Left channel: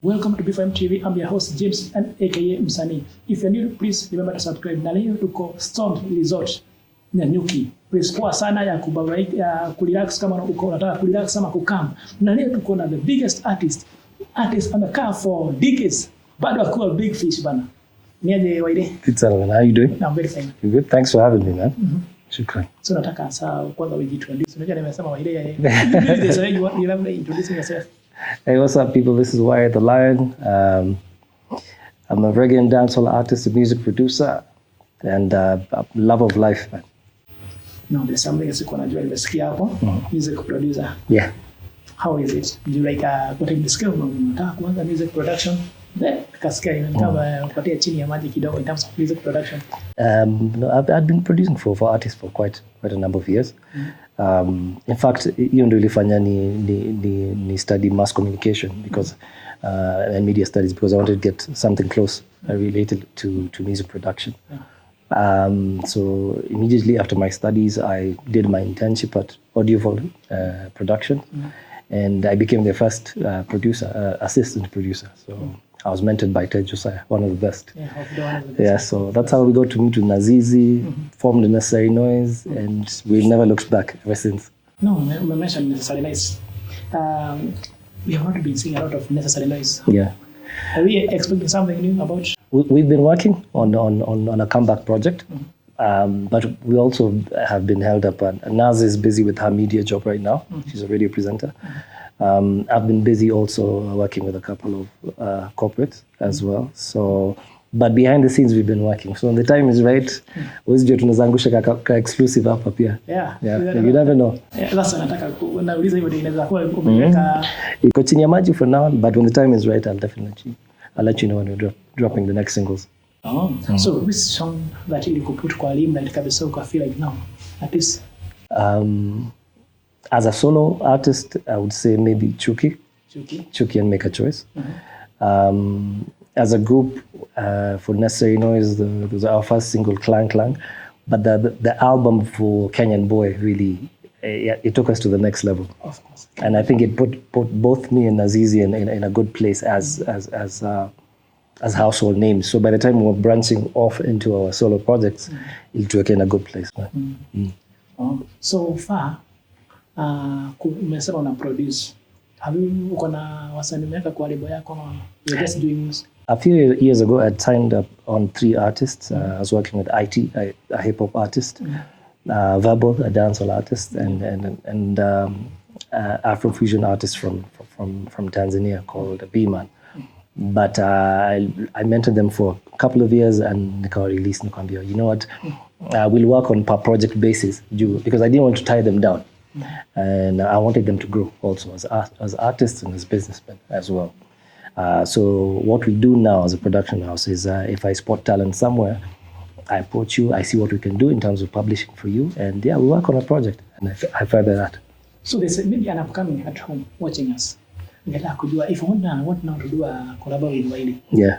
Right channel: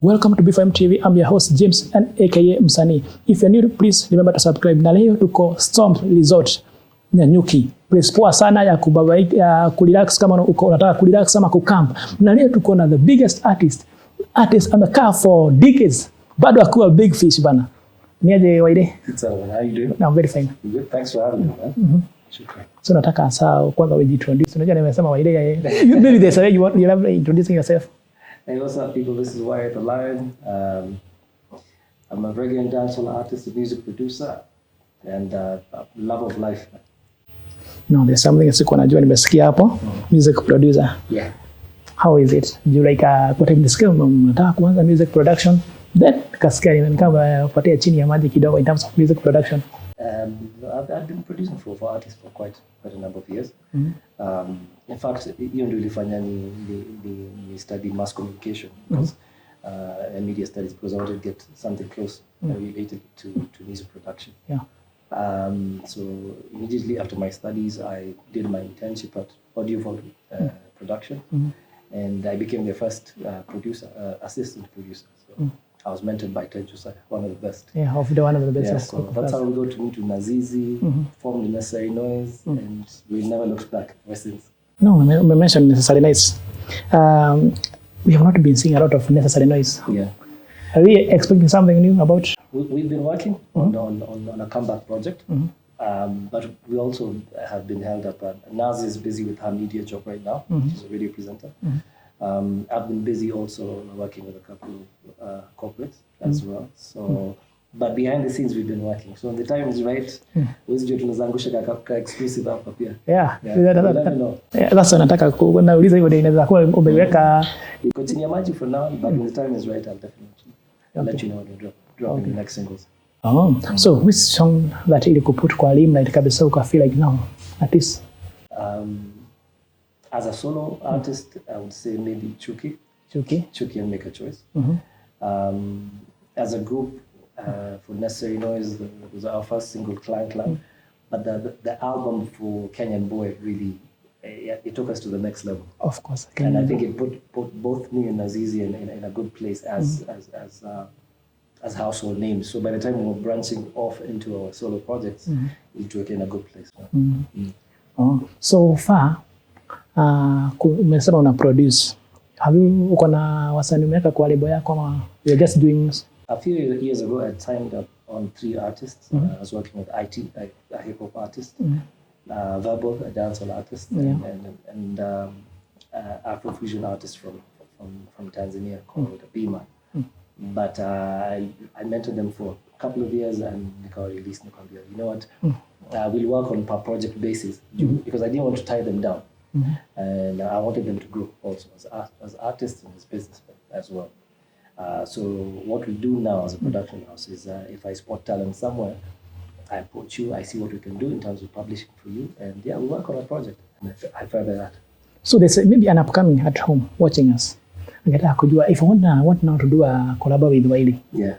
Welcome to BFM TV. I'm your host James and aka Msanii. If you're new, please remember to subscribe. Na leo tuko Storm Resort na Nyuki. Place poa sana ya kubabaika, kurelax kama unataka kurelax ama kucamp. Na leo tuko na the biggest artist amekaa for decades. Bado akuwa big fish bana. Niaje Wyre? Good man. How you doing? I'm very fine. You good? Thanks for having me, man. Shukran. So nataka saa kwanza ujiintroduce. Unajua nimesema Wyre. Maybe there's a way you love introducing yourself. Hey, what's up, people? This is Wyre the Lion. I'm a reggae and dancehall artist, a music producer, and a love of life, man. No, there's something sikuwa najua nimesikia hapo. Music producer. Yeah. How is it? Do you like what I'm discussing? Nataka kuanza music production. Then kasikia nimekaba kupatia chini ya maji kidogo in terms of music production. No, I've been producing for artists for quite a number of years. In fact, hiyo ndio ilifanya ni study mass communication because and media studies because I wanted to get something close related to music production. Yeah. So immediately after my studies, I did my internship at Audio Production, and I became their first assistant producer. So I was mentored by Ted Josiah, one of the best. Yeah, one of the best. Yeah, so that's how we got to meet with Nazizi, formed the Necessary Noise, and we've never looked back ever since. No, we mentioned Necessary Noise. We have not been seeing a lot of Necessary Noise. Yeah. Are we expecting something new about? We've been working on a comeback project, but we also have been held up. And Naz is busy with her media job right now. She's a radio presenter. I've been busy also working with a couple of corporates as well. So, but behind the scenes we've been working. So when the time is right, we'll tunazangusha ka exclusive hapa pia. Yeah. You never know. That's what nataka kuuliza hivyo ndio inaweza kuwa umeweka iko chini ya maji for now, but when the time is right I'll let you know when we're dropping the next singles. So which song that ili kuput kwa limelight kabisa uka feel like now at least as a solo artist, I would say maybe Chuki and Make a Choice. As a group, for Necessary Noise, it was our first single, Clang Clang. But the album for Kenyan Boy really, it took us to the next level. Of course. And I think it put both me and Nazizi in a good place as household names. So by the time we were branching off into our solo projects, it took in a good place. So far, umesema una produce. Uko na wasanii umeweka kwa lebo yako ama you're just doing? A few years ago, I signed up on 3 artists. I was working with IT, a hip hop artist, Verbal, a dancehall artist, and Afrofusion artist from Tanzania called B-Man. But I mentored them for a couple of years and nikawa release nikwambia, you know what, we'll work on per project basis because I didn't want to tie them down. And I wanted them to grow also as artists and as businessmen as well. So what we do now as a production house is if I spot talent somewhere, I approach you, I see what we can do in terms of publishing for you, and we work on a project, and I further that. So there's maybe an upcoming at home watching us. Angetaka kujua if I want now to do a collab with Wyre. Yeah.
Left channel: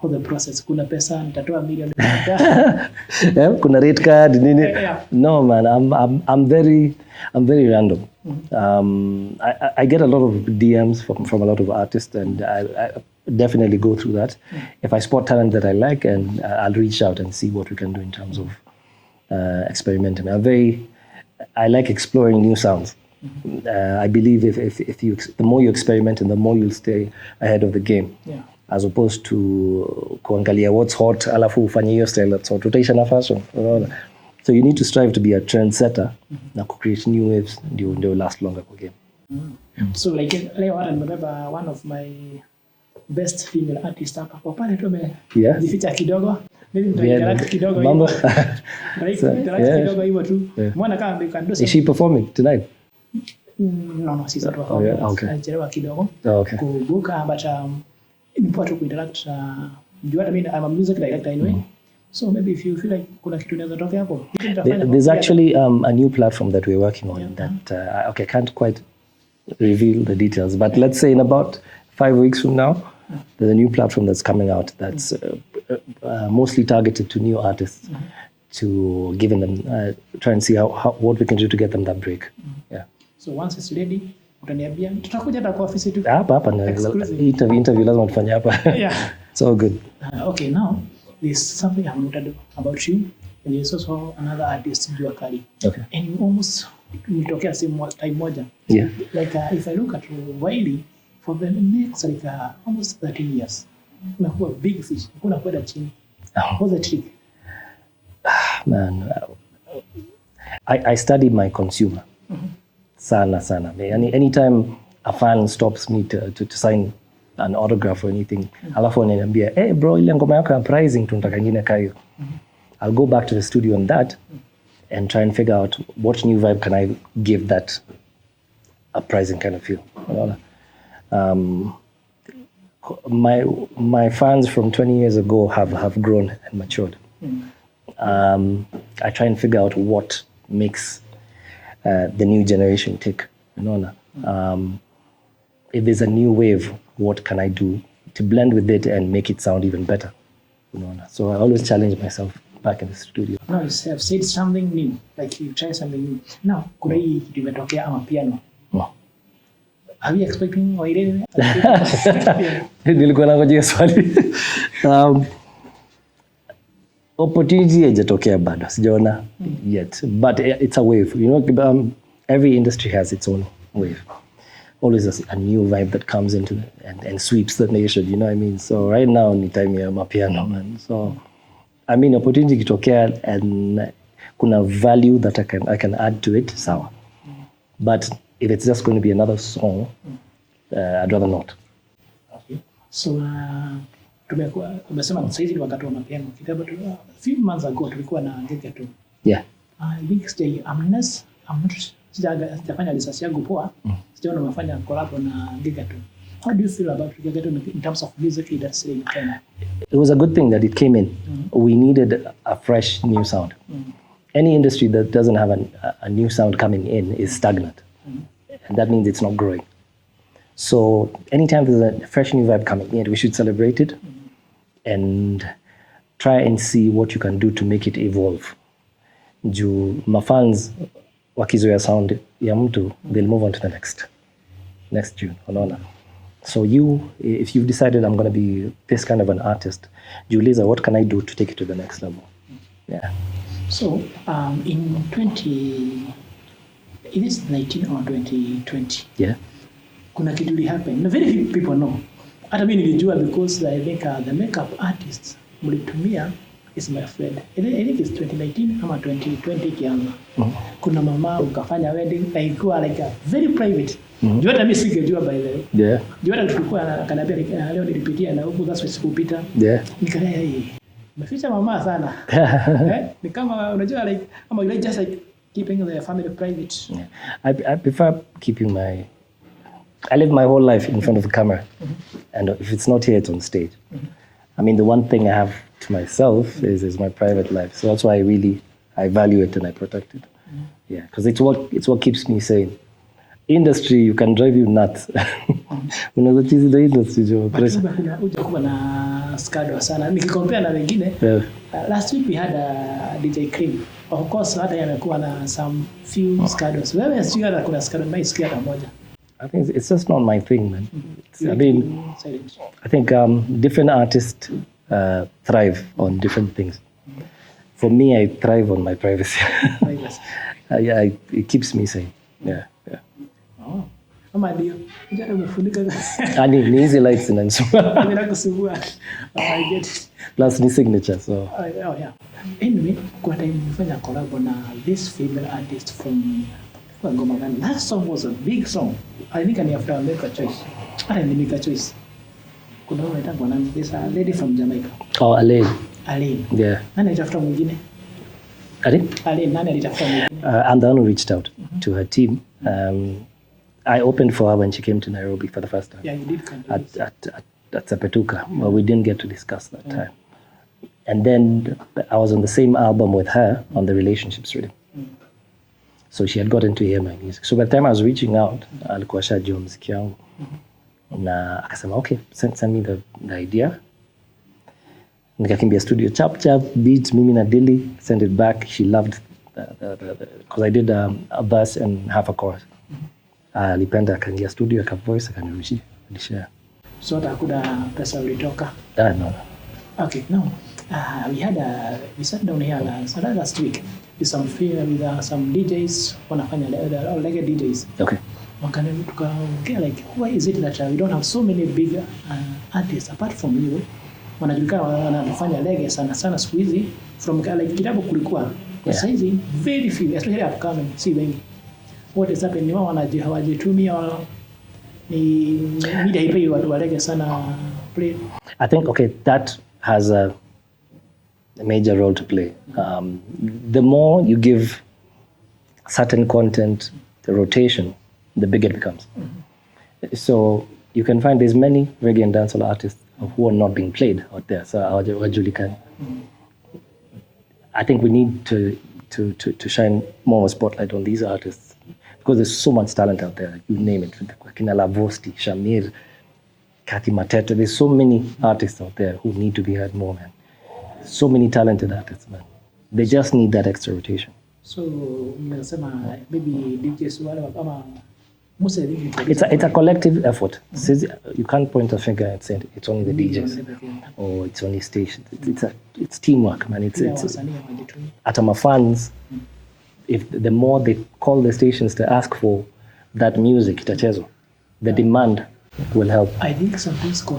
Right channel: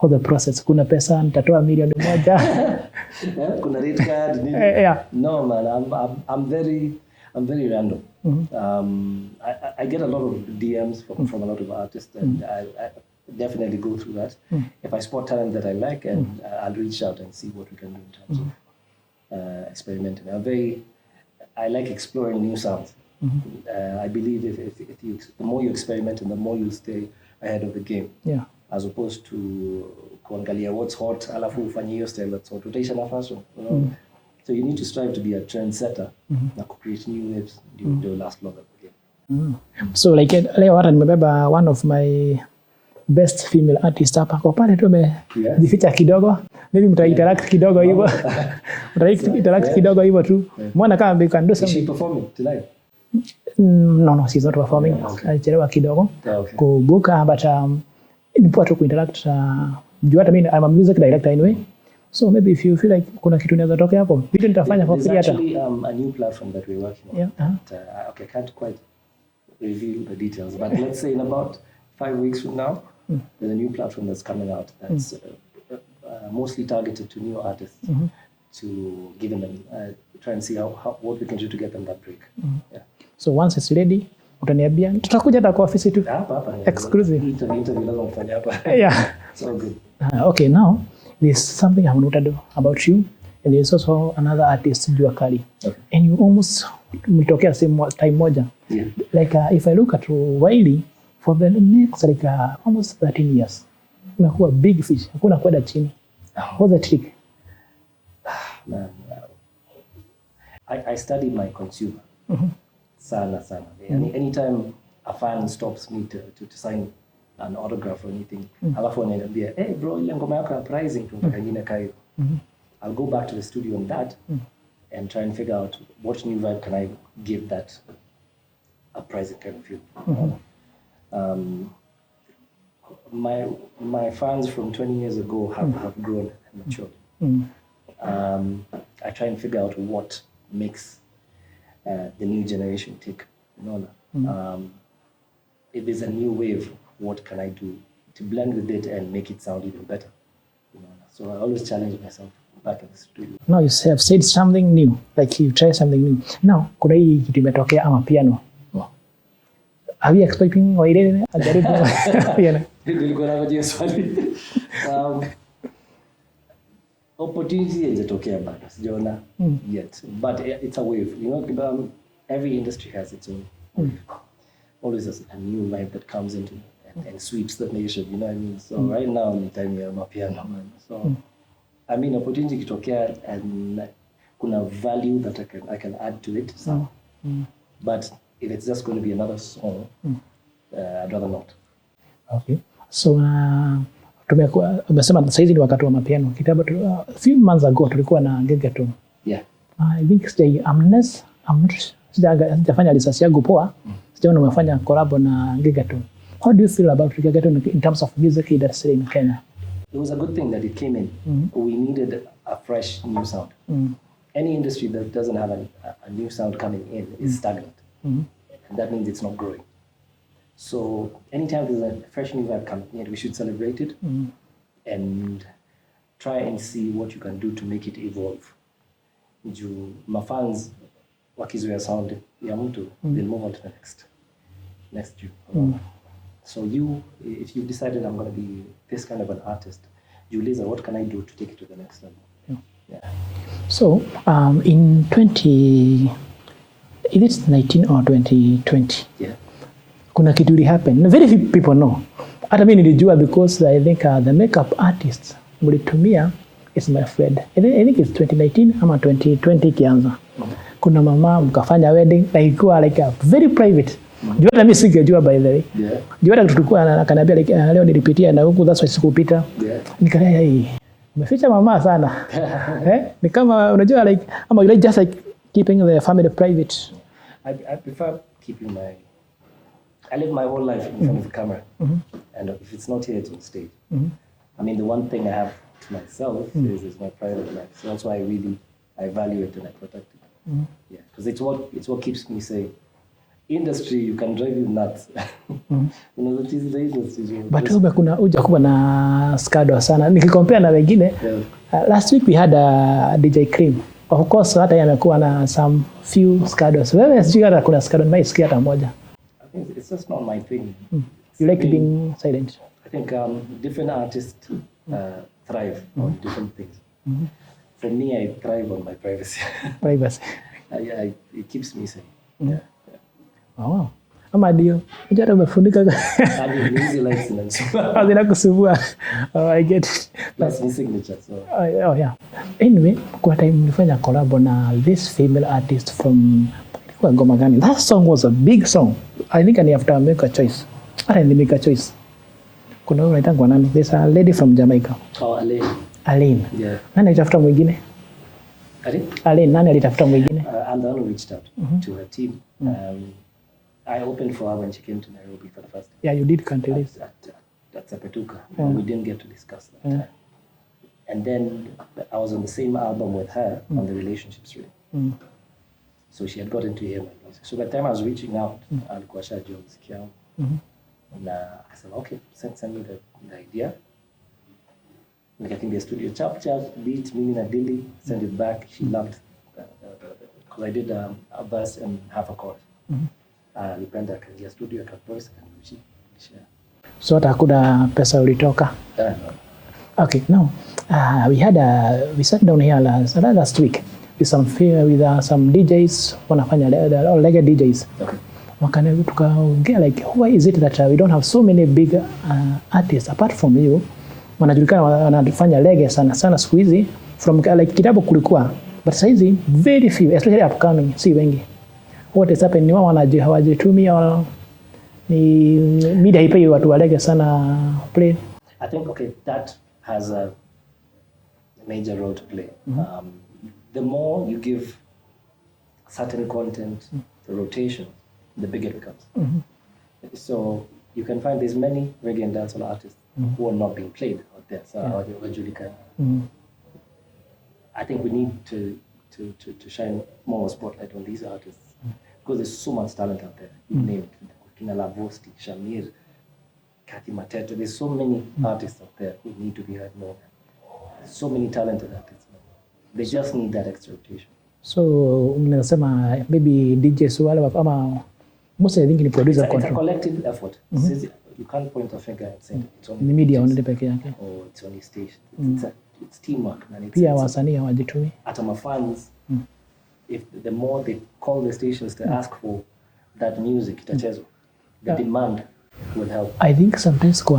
How the process? Kuna pesa nitatoa milioni moja. Yeah, kuna rate card nini? Yeah. No man, I'm very random. I get a lot of DMs from a lot of artists, and I definitely go through that. If I spot talent that I like, and I'll reach out and see what we can do in terms of experimenting. I like exploring new sounds. I believe if the more you experiment and the more you'll stay ahead of the game. Yeah. As opposed to kuangalia what's hot alafu ufanye hiyo style that's hot, utaisha na fashion. So you need to strive to be a trendsetter na create new waves ndio last longer kwa game. So like leo hata nimebeba one of my best female artists hapa kwa pale tu jificha kidogo, maybe mtainteract kidogo hivyo. Interact kidogo hivyo tu. Mwana kama you can do something. Is she performing tonight? No, she's not performing. Alichelewa kidogo kubuka, but ni poa tu kuinteract. Hata mimi I'm a music director anyway. So maybe if you feel like kuna kitu inaweza toka hapo, there's actually a new platform that we're working on that I can't quite reveal the details, but let's say in about 5 weeks from now, there's a new platform that's coming out that's mostly targeted to new artists, to giving them try and see how what we can do to get them that break. Yeah. So once it's ready, utaniambia tutakuja hata kwa ofisi tu. Hapa exclusive interview lazima tufanye hapa. Yeah. So good. Okay, now there's something I want to know about you, and there's also another artist, Jua Kali. Okay. And you almost mtokea same time moja. Yeah. Like if I look at Wyre for the next like almost 13 years, umekuwa big fish, hakuna kwenda chini. What's the trick? Man, I study my consumer. Sana. Anytime a fan stops me to sign an autograph or anything, alafu ananiambia, hey bro, ile ngoma yako ya pricing tunataka nyingine kayo. I'll go back to the studio on that and try and figure out what new vibe can I give that a pricing kind of feel. My fans from 20 years ago have grown and matured. I try and figure out what makes the new generation tick. If there's a new wave, what can I do to blend with it and make it sound even better? So I always challenge myself back in the studio. Now you have said something new, like you try something new. Now, kuna hii kitu imetokea ama piano. Are you expecting Wyre? Nilikuwa nangojea swali. Opportunity haijatokea bado, sijaona yet, but it's a wave. Every industry has its own wave. Always a new vibe that comes into and sweeps the nation, you know what I mean? So right now ni time ya mapiano, man. So I mean, opportunity kitokea and kuna value that I can add to it, sawa. But if it's just going to be another song, I'd rather not. Okay. So umesema sasa hivi ni wakati wa mapiano. Kitambo a few months ago tulikuwa na Gegeton. Yeah. I think sijafanya research yangu poa. Sijaona umefanya collab na Gegeton. How do you feel about Gegeton in terms of music industry in Kenya? It was a good thing that it came in. We needed a fresh new sound. Any industry that doesn't have a new sound coming in is stagnant. And that means it's not growing. So anytime there's a fresh new vibe coming in, we should celebrate it and try and see what you can do to make it evolve. Juu mafans wakizoea sound ya mtu, they'll move on to the next tune. So if you've decided I'm going to be this kind of an artist, Juliza, what can I do to take it to the next level? Yeah. So in 2019 or 2020, yeah, kuna kitu ili happen. Very few people know. Hata mimi nilijua because I think the makeup artists mlitumia is my friend. I think it's 2019 ama 2020 kianza. Kuna mama mkafanya wedding na ilikuwa like a very private. Jua hata mimi singejua by the way. Yeah. Jua hata tulikuwa akaniambia like, leo nilipitia na huku that's why sikupita. Yeah. Nikalaya umeficha mama sana. Ni kama unajua like ama you just like keeping the family private. Yeah. I prefer keeping I live my whole life in front of the camera. And if it's not here, it's on stage. I mean, the one thing I have to myself is my private life. So that's why I value it and I protect it. Yeah, because it's what keeps me sane. Industry, you can drive you nuts. Unaweza chizi the industry jo. But kuna hujakuwa na scandal sana. Nikicompare na wengine. Yeah. Last week we had a DJ Cream. Of course hata yamekuwa na some few scandals. Wewe sijui hata kuna scandal naisikia hata moja. I think it's just not my thing, man. You like being silent? I think different artists thrive on different things. For me, I thrive on my privacy. Privacy. Yeah, it keeps me sane. Yeah. Oh. Ama ndio. Unajua umefunika. Ni easy lights inanisumbua. Zinakusumbua. I get it. Plus ni signature, so. Oh yeah. Anyway, kwa time nilifanya collab na this female artist from ngoma gani? That song was a big song. I think I have to make a choice. I didn't make a choice. Kuna wewe unaitwa nani? There's a lady from Jamaica. Oh, Alain. Yeah. Nani alitafuta mwingine? Alain, nani alitafuta mwingine? I'm the one who reached out to her team. I opened for her when she came to Nairobi for the first time. Yeah, you did contest. At Sapetuka. Well, we didn't get to discuss that time. And then I was on the same album with her on the relationships rhythm. So she had gotten to hear my music. So by the time I was reaching out, alikuwa shajua muziki yangu. Na akasema, okay, send me the idea. Nikakimbia studio, chap, beat, mimi na Dilly, send it back. She loved because I did a verse and half a chorus. Alipenda akaingia studio akavoice akanirudishia. So hata hakuna pesa ulitoka? No. Okay, now we sat down here last week with some DJs wanafanya reggae DJs. Okay. Tukaongea like why is it that we don't have so many big artists apart from you wanajulikana wanafanya reggae sana siku hizi from like kitambo kulikuwa but sasa hizi very few especially upcoming si wengi. What is happening? Wao hawajitumia ni media haipei watu wa reggae sana play. I think okay that has a major role to play. The more you give certain content the rotation, the bigger it becomes. So you can find there's many reggae and dancehall artists who are not being played out there. So I think we need to shine more of a spotlight on these artists because there's so much talent out there. You name it, Kina Lavosti, Shamir, Kathy Matete. There's so many artists out there who need to be heard more, man. So many talented artists, man. They just need that extra rotation. So unasema maybe DJs wale ama most I think it's a collective effort. You can't point a finger and say it's only the media DJs or it's only stations. It's teamwork, man. It's wasanii hawajitumi. Hata my fans, if the more they call the stations to ask for that music itachezwa, the demand will help. I think sometimes kwa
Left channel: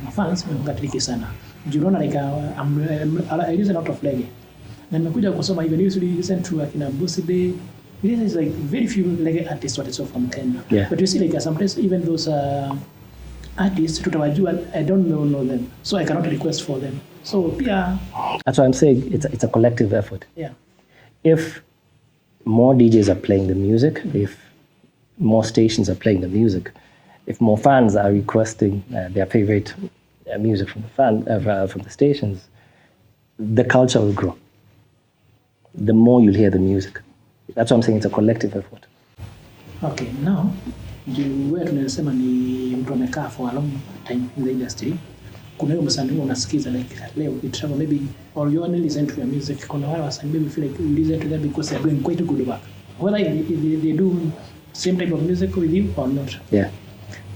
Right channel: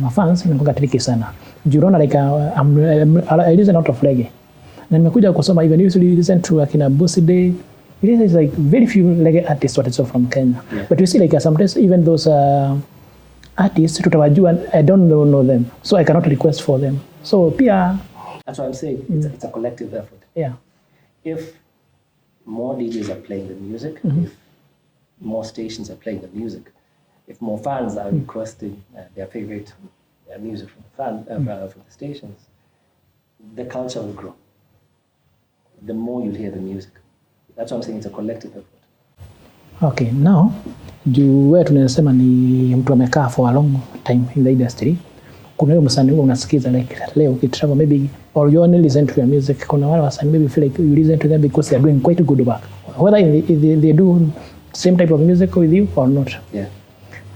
mafans nimekuwa tricky sana. Unaona like I listen a lot of reggae. Na nimekuja kusoma even if you listen to akina Bossy Day, it is like very few reggae artists what is from Kenya. Yeah. But you see like sometimes even those artists tutawajua I don't know them. So I cannot request for them. So pia that's why I'm saying it's a collective effort. Yeah. If more DJs are playing the music, if more stations are playing the music, if more fans are requesting their favorite music from from the stations, the culture will grow. The more you'll hear the music. That's why I'm saying it's a collective effort. Okay, now, wewe tunasema ni mtu amekaa for a long time in the industry. Kuna hiyo msanii unasikiza like leo ukitravel maybe or you only listen to their music. Kuna wale wasanii maybe feel like you listen to them because they are doing quite good work. Whether they do same type of music with you or not. Yeah.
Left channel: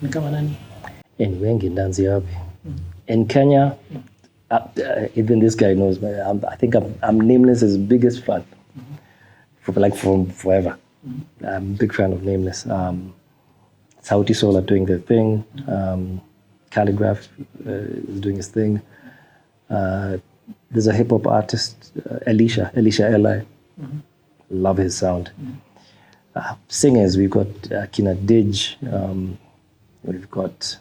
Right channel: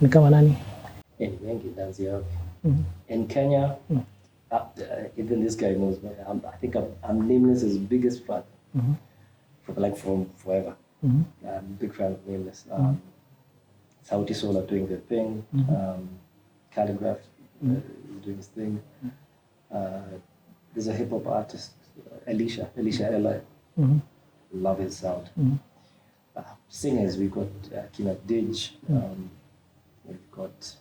Ni kama nani? Ni wengi ndanzi hapi. In Kenya, even this guy knows, I think I'm Nameless's biggest fan. From forever. I'm a big fan of Nameless. Sauti Sol are doing their thing. Calligraph is doing his thing. There's a hip hop artist, Elisha Eli. Love his sound. Singers, we've got Kina Dij. We've got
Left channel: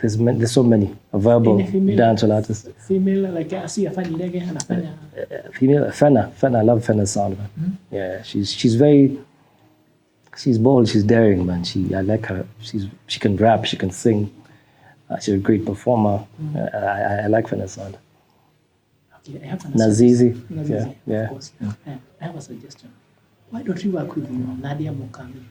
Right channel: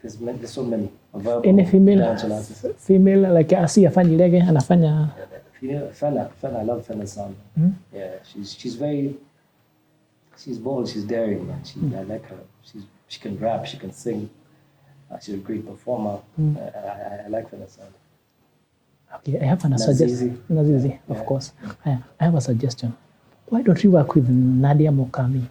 there's so many verbal dancehall artists. Female like Asi afanya reggae anafanya female Fena. I love Fena's sound, man. Yeah, she's bold, she's daring, man. I like her. She can rap, she can sing. She's a great performer. I like Fena's sound. Okay, I have an Nazizi. Of course. I have a suggestion. Why don't you work with Nadia Mokami?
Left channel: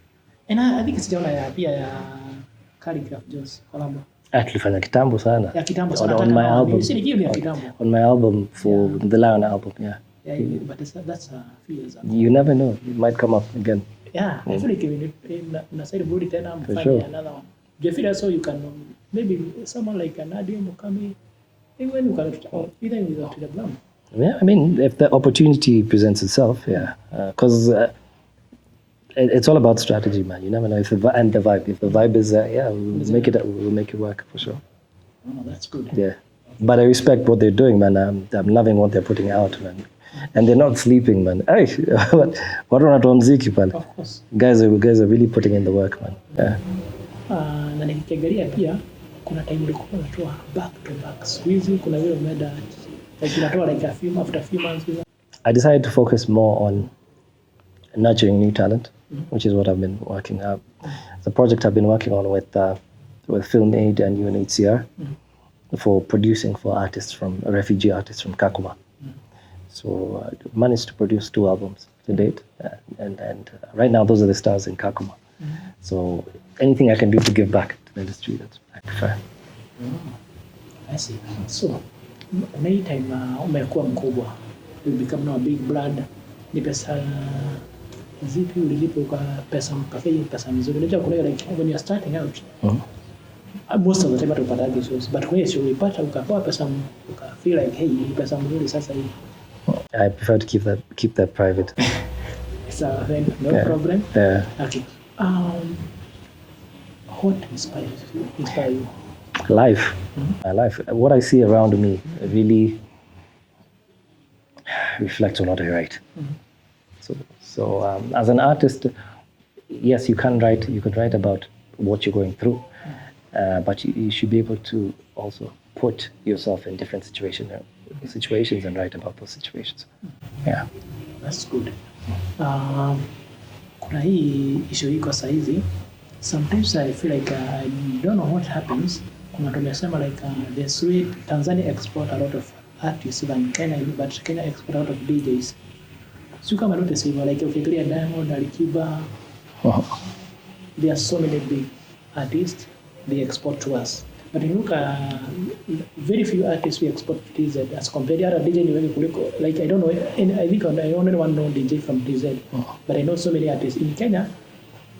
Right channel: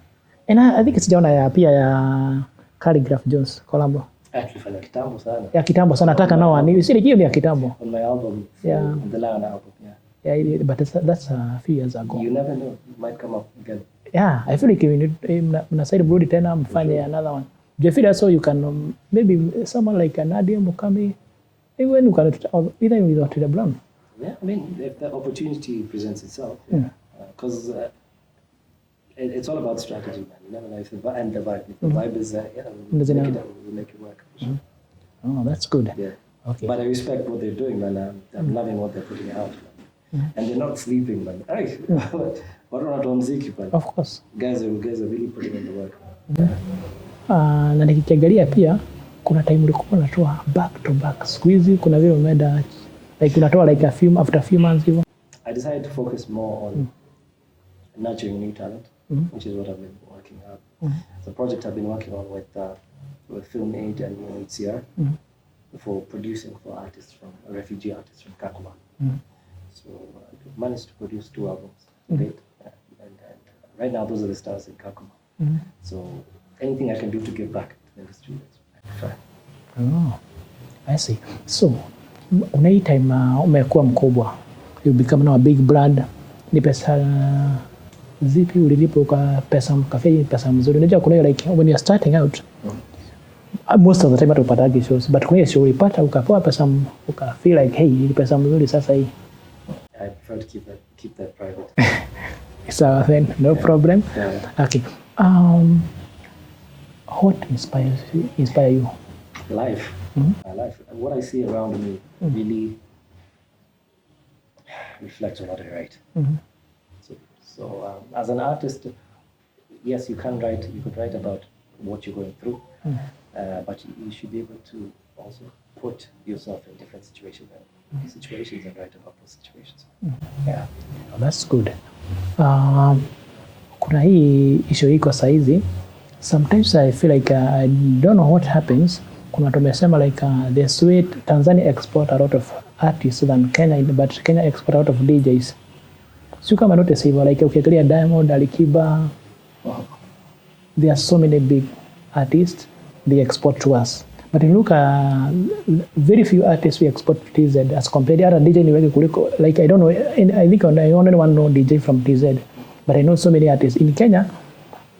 And I think it's Jona pia ya Calligraph Jones collabo. Tulifanya kitambo sana. Ya kitambo sana nataka nao ni siri hiyo ya kitambo. On my album for the Lion album, yeah. Yeah, but that's a few years ago. You never know, it might come up again. Yeah, I feel like mnasaidia burudi tena mfanye another one. Do you feel also you can maybe someone like Nadia Mokami even you can either without the blonde? Yeah, I mean if the opportunity presents itself, yeah. Because it's all about strategy, man. You never know if the vibe. If the vibe is there, we'll make it work for sure. Oh, that's good. Yeah. Okay. But I respect what they're doing, man. I'm loving what they're putting out, man. And they're not sleeping, man. Hey, what on muziki pale? Of course. Guys are really putting in the work, man. Yeah. Na nikiangalia pia kuna time ulikuwa unatoa back to back. Squeezy kuna vile umeenda like unatoa like after a few months even. I decided to focus more on nurturing new talent, which is what I've been working on. It's a project I've been working on with Film Aid and UNHCR for producing for refugee artists from Kakuma. So I managed to produce 2 albums to date, and right now those are the stars in Kakuma. So anything I can do to give back to the industry, that's I prefer. Oh, I see. So anytime umekuwa mkubwa, you become now a big brand, ni pesa zipi ulilipa pesa mkafei pesa mzuri? Unajua kuna like when you're starting out, most of the time utapata shows, but kuna show ulipata ukapewa pesa feel like hey, hii pesa mzuri sasa hii. I prefer to keep that private. So then no problem. Yeah. Okay. What inspire you? Life. My life. What I see around me really reflects on what I write. So as an artist, yes, you can write about what you're going through, but you should be able to also put yourself in different situations and write about those situations. Yeah, that's good. Kuna hii issue iko saizi. Sometimes I feel like I don't know what happens. Kuna tumesema like the sweet Tanzania export a lot of artists than Kenya, but Kenya export a lot of DJs. So kama notice hivyo, like ukiangalia Diamond, Alikiba, there are so many big artists they export to us. But you look at very few artists we export to TZ as compared to other DJ ni wengi kuliko, like I don't know, I think I only one know DJ from TZ, but I know so many artists in Kenya.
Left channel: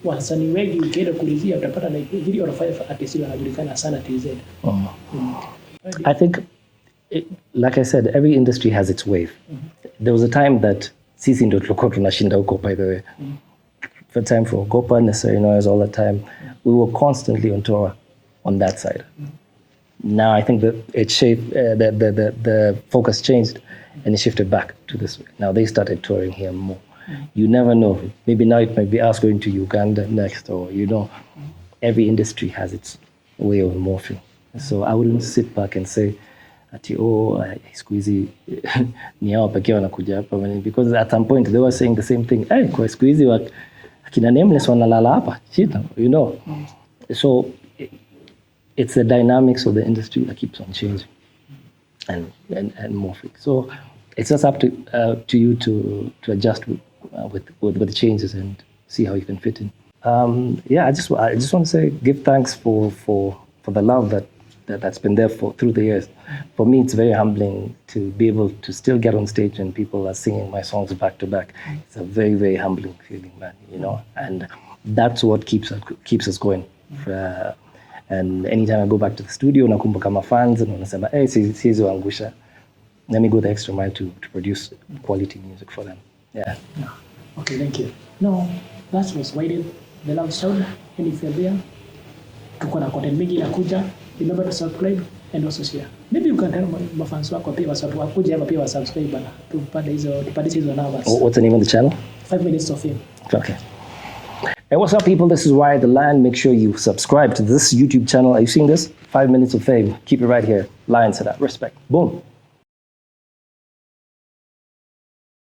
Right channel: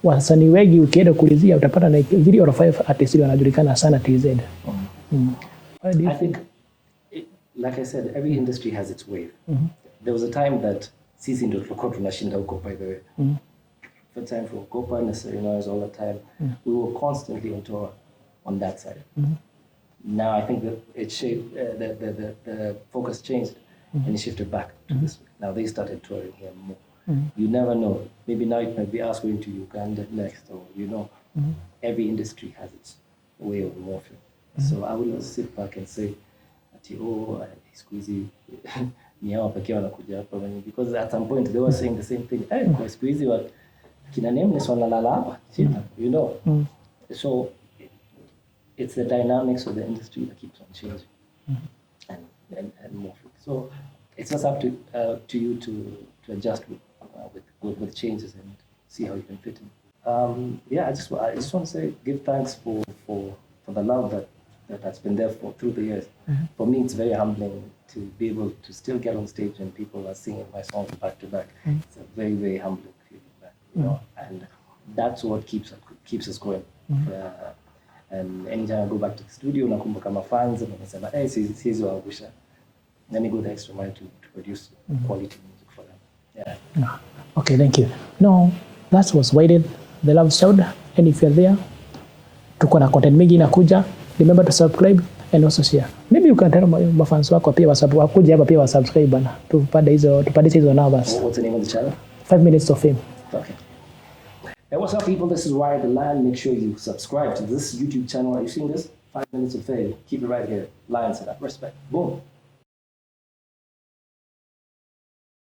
Wasanii wengi ukienda kulizia utapata like 3 or 5 artists wanajulikana sana TZ. I think, like I said, every industry has its wave. There was a time that sisi ndio tulikuwa tunashinda huko, by the way. For time for Gopa, necessary noise all the time. We were constantly on tour on that side. Now I think that it shaped, the focus changed and it shifted back to this way. Now they started touring here more. You never know. Maybe now it might be us going to Uganda next, or every industry has its way of morphing. So I wouldn't sit back and say, ati siku hizi ni hao pekee wanakuja hapa, because at some point they were saying the same thing. Kwa siku hizi akina Nameless wanalala hapa, So it's the dynamics of the industry that keeps on changing and morphing. So it's just up to you to adjust with the changes and see how you can fit in. I just want to say, give thanks for the love that's been there through the years. For me, it's very humbling to be able to still get on stage and people are singing my songs back to back. It's a very, very humbling feeling, man. And that's what keeps us going. And anytime I go back to the studio, nakumbuka my fans and wanasema, siwezi waangusha. Let me go the extra mile to produce quality music for them. Yeah. Okay, thank you. No, that was Wyre, the Love Sound. And if you're there, tuko na content mingi inakuja. Remember to subscribe and also share. Maybe you can tell my fans wako pia wakuja hapa pia subscribe bana. Tupande hizo numbers. What's the name of the channel? 5 Minutes of Fame. Okay. Hey, what's up, people? This is Wyre the Lion. Make sure you subscribe to this YouTube channel. Are you seeing this? 5 Minutes of Fame. Keep it right here. Lion said that. Respect. Boom.